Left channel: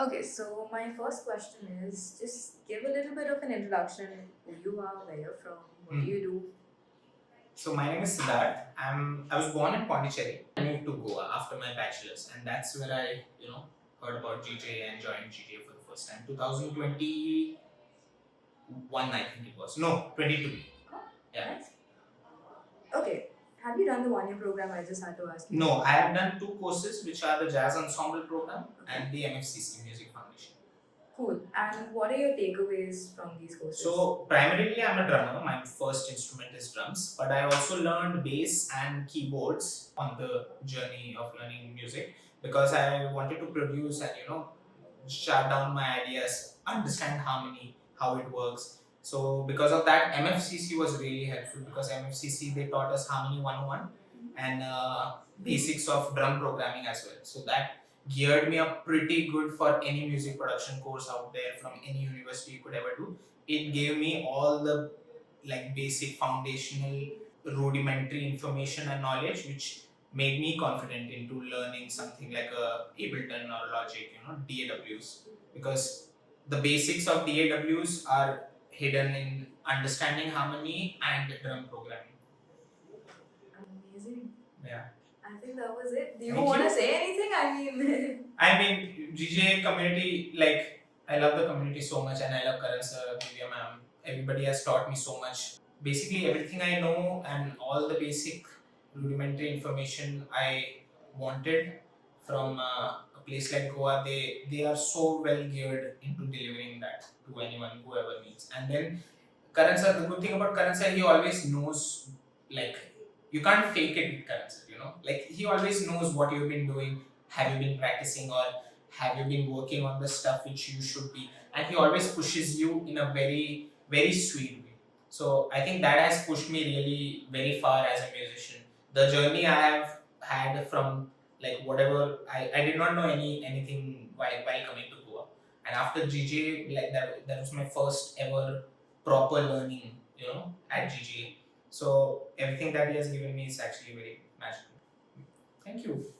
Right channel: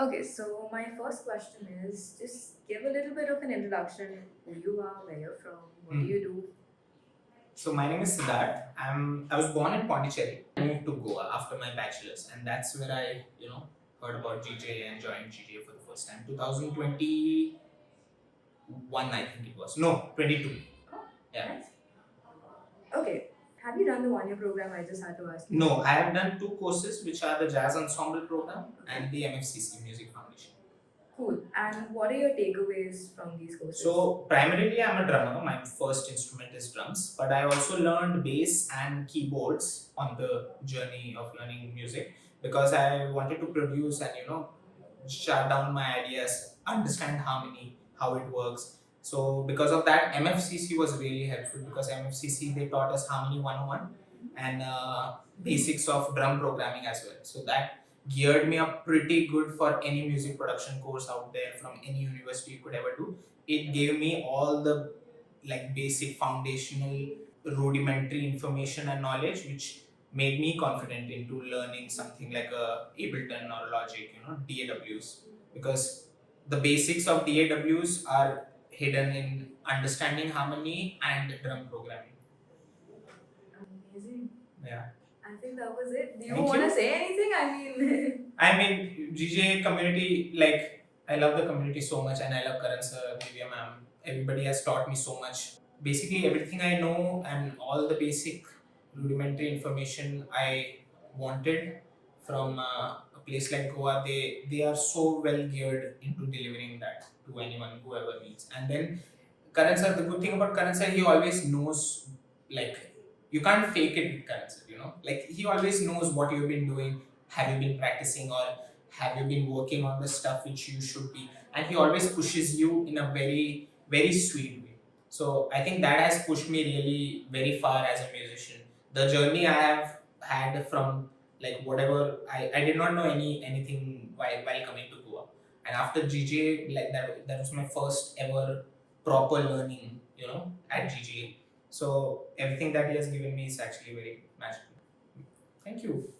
Okay, so my first question is just give a little bit of an introduction, who you are, where you're from, what do you do? So my name is Siddharth. I was born in Pondicherry. I moved to Goa after my bachelor's, and that's where I heard about GJ and joined GJ for the first time. 2021, I think it was. No, 22. Oh, Yeah. nice. Okay, have you done the 1 year program? I just had to ask you. No, I have done two courses, which are the Jazz Ensemble program and the MFCC Music Foundation. Cool. And what are your takeaways from these courses? So primarily I'm a drummer. My first instrument is drums, but I also learned bass and keyboards on the journey of learning music because I wanted to produce and shut down my ideas, understand harmony, how it works. So because of that, MFCC was really helpful because MFCC they taught us harmony 101 and basics of drum programming as well. So that geared me up pretty good for any music production course out there from any university you could ever do. It gave me all the like basic foundational rudimentary information and knowledge which made me confident into learning something like a Ableton or Logic, DAWs, because the basics of DAWs are hidden in understanding harmony and drum programming. Amazing. Yeah. I think that was it. Do you Thank want you. to say anything? I mean, GJ community, like, I love the community so much and I love Karan sir, Divya ma'am. Everybody has taught me so much. Basically, everything I know and all the basic rudimentary information I wanted from a place like Goa, they are so well geared into delivering that to anyone, whoever needs. And then Karan sir, the good thing about Karan sir, he always knows, like, you can't fake it with Karan sir, Like, he always knows what you've been doing, have you been practicing, or have you been working on the stuff which you should be. And he always pushes you in a very, very sweet way. So I think that has pushed me really very far as a musician. The journey I have had from like whatever I did not know anything while coming to Goa. And after GJ, like that was my first ever proper learning, at GJ. So everything that he has given me is actually very magical. Thank you.